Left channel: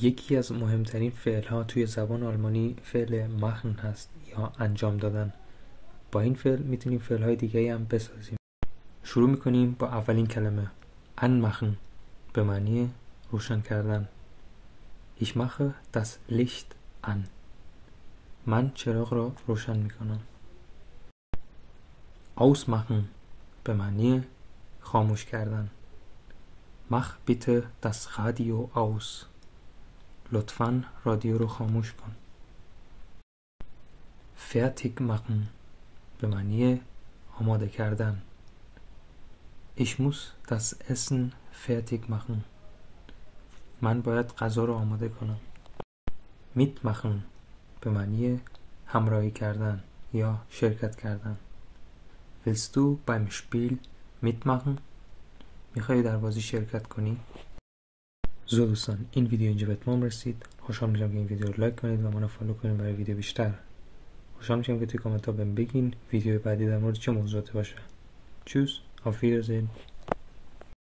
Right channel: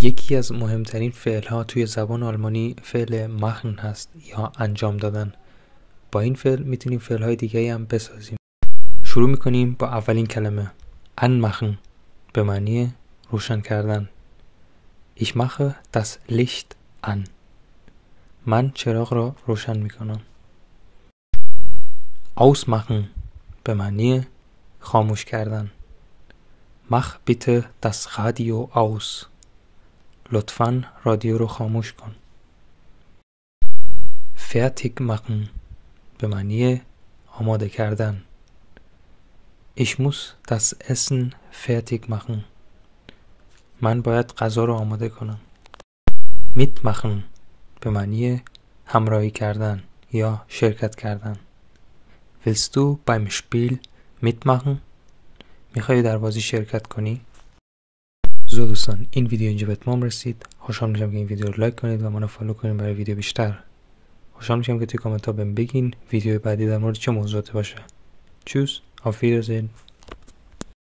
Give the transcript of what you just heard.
یکی از مهمترین فعل‌ها توی زبان آلمانی فعل machen هست یا انجام دادن. با این فعل میتونیم فعل‌های دیگه‌ای هم بسازیم. شروع میکنیم با اولین کلمه anmachen به معنی روشن کردن. Ich mache das Licht an. من چراغ را روشن میکنم. Ausmachen به معنی خاموش کردن. Mach bitte das Radio aus. لطفاً رادیو رو خاموش کن. Fertig machen به معنی آماده کردن. Ich muss das Essen fertig machen. من باید غذا رو آماده کنم. Mitmachen به معنی همراهی کردن یا شرکت کردن. Willst du beim Spiel mitmachen؟ میخوای در بازی شرکت کنی؟ دوستان، این ویدیو اینجا به اتمام رسید. خوشحال میشم که این ویدیو رو لایک کنید و منو فالو کنید برای ویدیو بیشتر. خوشحال میشم که توی کامنت ها بهم بگین ویدیو بعدی در مورد چه موضوعاتی باشه. Tschüss, auf Wiedersehen.